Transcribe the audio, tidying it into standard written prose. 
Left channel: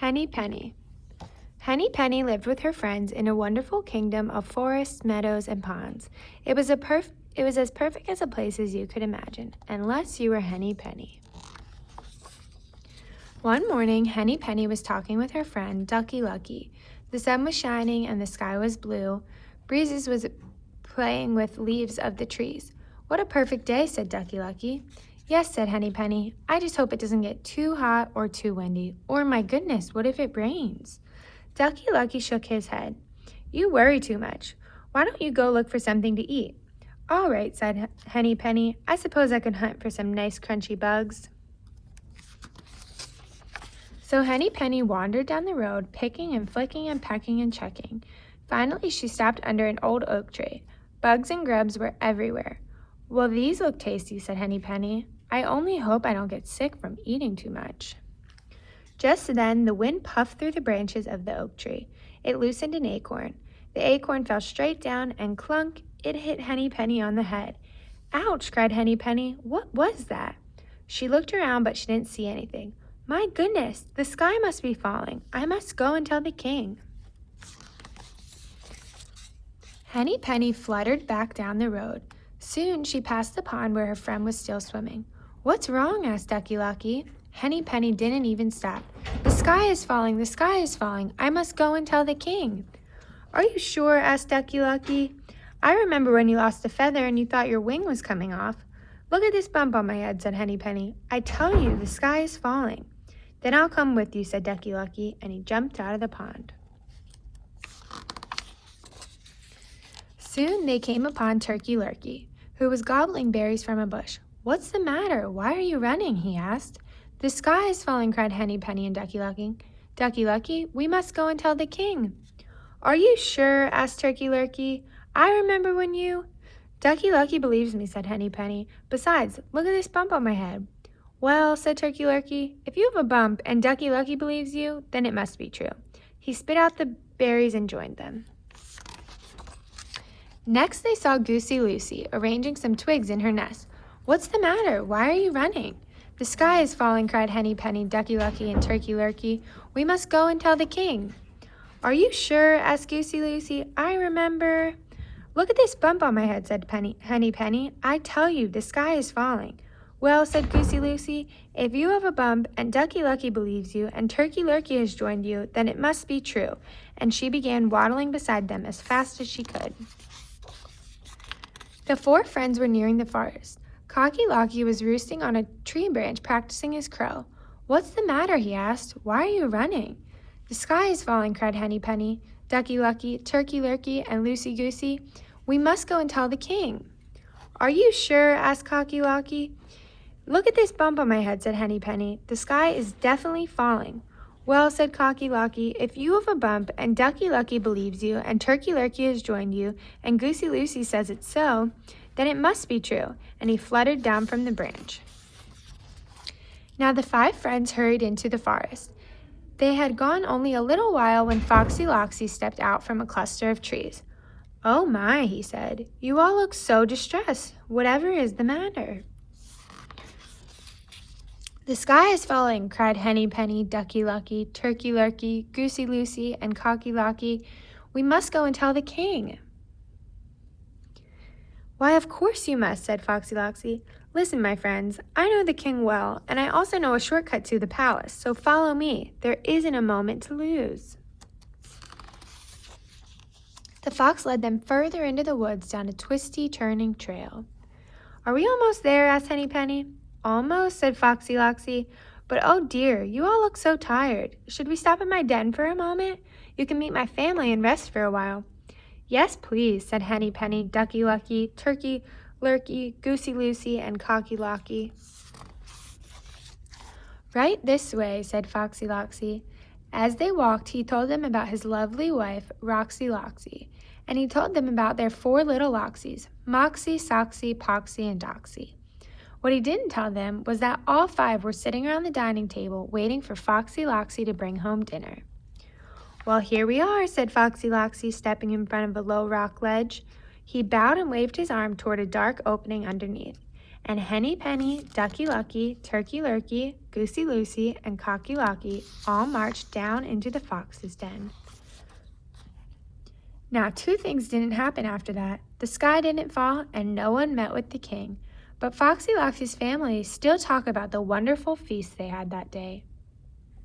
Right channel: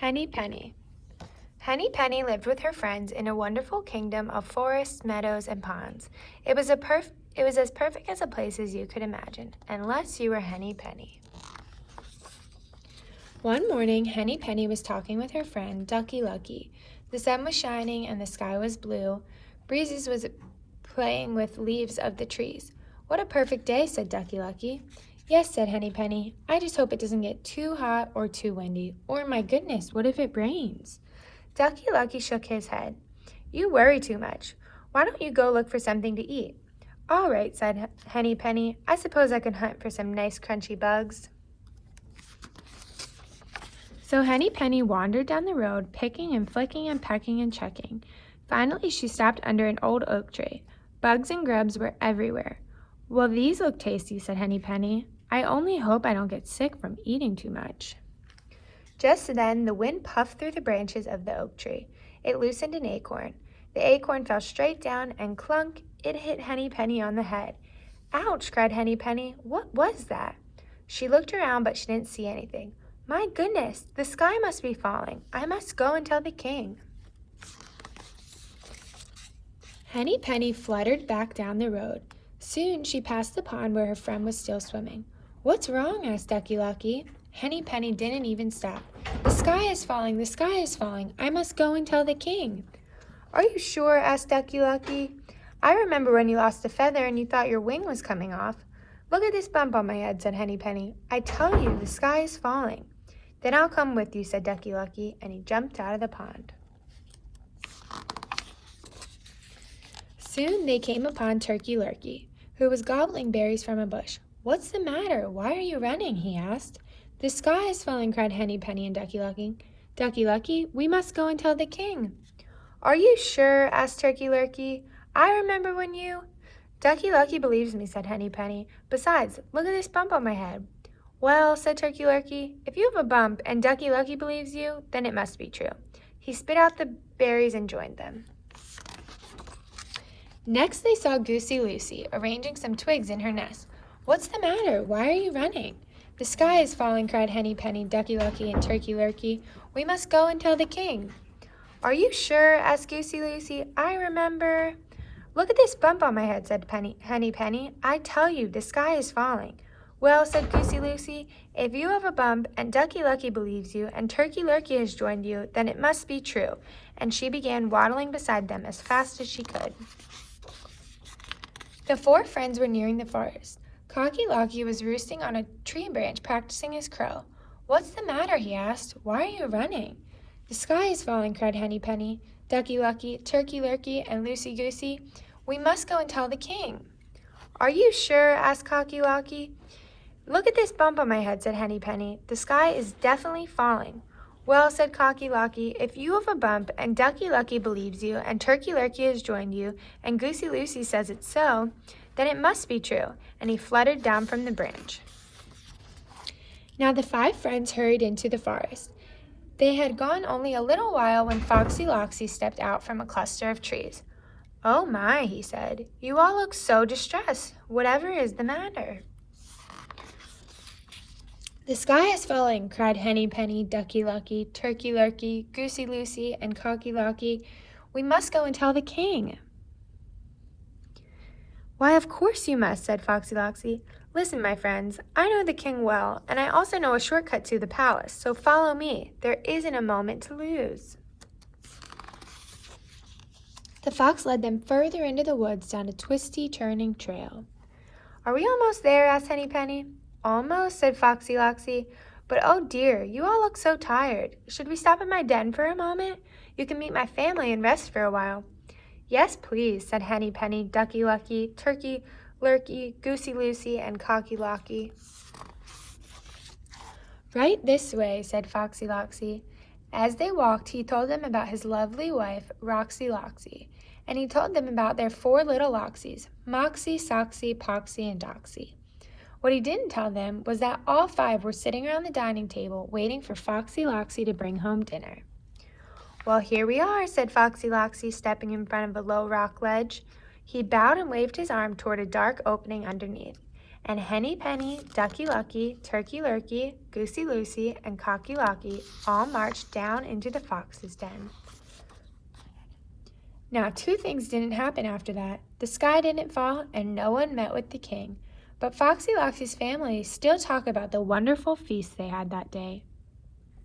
Henny Penny. Henny Penny lived with her friends in a wonderful kingdom of forests, meadows, and ponds. It was as perfect as a place as you could imagine, unless you were Henny Penny. One morning, Henny Penny was talking with her friend, Ducky Lucky. The sun was shining and the sky was blue. Breezes was playing with leaves of the trees. "What a perfect day," said Ducky Lucky. "Yes," said Henny Penny. "I just hope it doesn't get too hot or too windy. Or, my goodness, what if it rains?" Ducky Lucky shook his head. "You worry too much. Why don't you go look for something to eat?" "All right," said Henny Penny. "I suppose I could hunt for some nice crunchy bugs." So Henny Penny wandered down the road, picking and flicking and pecking and checking. Finally, she stopped under an old oak tree. Bugs and grubs were everywhere. "Well, these look tasty," said Henny Penny. "I only hope I don't get sick from eating too much." Just then, the wind puffed through the branches of the oak tree. It loosened an acorn. The acorn fell straight down, and clunk, it hit Henny Penny on the head. "Ouch!" cried Henny Penny. "What was that?" She looked around, but she didn't see anything. "My goodness, the sky must be falling. I must go and tell the king." Henny Penny fluttered back down the road. Soon she passed the pond where her friend was still swimming. "What's wrong?" asked Ducky Lucky. Henny Penny didn't even stop. "The sky is falling, the sky is falling. I must go and tell the king." "Are you sure?" asked Ducky Lucky. "I remember when you lost a feather and you thought your wing was coming off." "Look at this bump on my head," said Henny Penny. "I tell you, the sky is falling." "Then I'll come with you," said Ducky Lucky, and he jumped out of the pond. Soon they came upon Turkey Lurkey, who was gobbling berries from a bush. "What's the matter? Why are you running?" he asked. "The sky is falling," cried Henny Penny and Ducky Lucky. "Ducky Lucky, we must go and tell the king." "Are you sure?" asked Turkey Lurkey. "I remember when you—" "Ducky Lucky believes me," said Henny Penny. "Besides, look at this bump on my head." "Well," said Turkey Lurkey, "if you have a bump and Ducky Lucky believes you, then it must be true." He spit out the berries and joined them. Next they saw Goosey Lucy arranging some twigs in her nest. "What's the matter? Why are you running?" "The sky is falling," cried Henny Penny, Ducky Lucky, and Turkey Lurkey. "We must go and tell the king." "Are you sure?" asked Goosey Lucy. "I remember—" "Look at this bump on my head," said Henny Penny. "I tell you, the sky is falling." "Well," said Goosey Lucy, "if you have a bump and Ducky Lucky believes you and Turkey Lurkey has joined you, then it must be true." And she began waddling beside them as fast as she could. The four friends were nearing the forest. Cocky Locky was roosting on a tree branch practicing his crow. "What's the matter?" he asked. "Why are you running?" "The sky is falling," cried Henny Penny, Ducky Lucky, Turkey Lurkey, and Lucy Goosey. "We must go and tell the king." "Are you sure?" asked Cocky Locky. "Look at this bump on my head," said Henny Penny. "The sky is definitely falling." "Well," said Cocky Locky, "if you have a bump and Ducky Lucky believes you and Turkey Lurkey has joined you and Goosey Lucy says it's so, then it must be true." And he fluttered down from the branch. Now the five friends hurried into the forest. They had gone only a little while when Foxy Loxy stepped out from a cluster of trees. "Oh my," he said, "you all look so distressed. Whatever is the matter?" "The sky is falling," cried Henny Penny, Ducky Lucky, Turkey Lurkey, Goosey Lucy, and Cocky Locky. "We must go and tell the king." "Why, of course you must," said Foxy Loxy. "Listen, my friends, I know the king well, and I also know a shortcut to the palace, so follow me. There isn't a moment to lose." The fox led them further into the woods down a twisty, turning trail. "Are we almost there?" asked Henny Penny. "Almost," said Foxy Loxy. "But oh dear, you all look so tired. Should we stop at my den for a moment? You can meet my family and rest for a while." "Yes, please," said Henny Penny, Ducky Lucky, Turkey Lurkey, Goosey Lucy, and Cocky Locky. "Right this way," said Foxy Loxy. As they walked, he told them about his lovely wife, Roxy Loxy, and he told them about their four little Loxies, Moxie, Soxy, Poxy, and Doxy. What he didn't tell them was that all five were sitting around the dining table waiting for Foxy Loxy to bring home dinner. "Well, here we are," said Foxy Loxy, stepping in front of a low rock ledge. He bowed and waved his arm toward a dark opening underneath. and Henny Penny, Ducky Lucky, Turkey Lurkey, Goosey Lucy, and Cocky Locky all marched down into the fox's den. Now, two things didn't happen after that. The sky didn't fall, and no one met with the king. But Foxy Loxy's family still talk about the wonderful feast they had that day.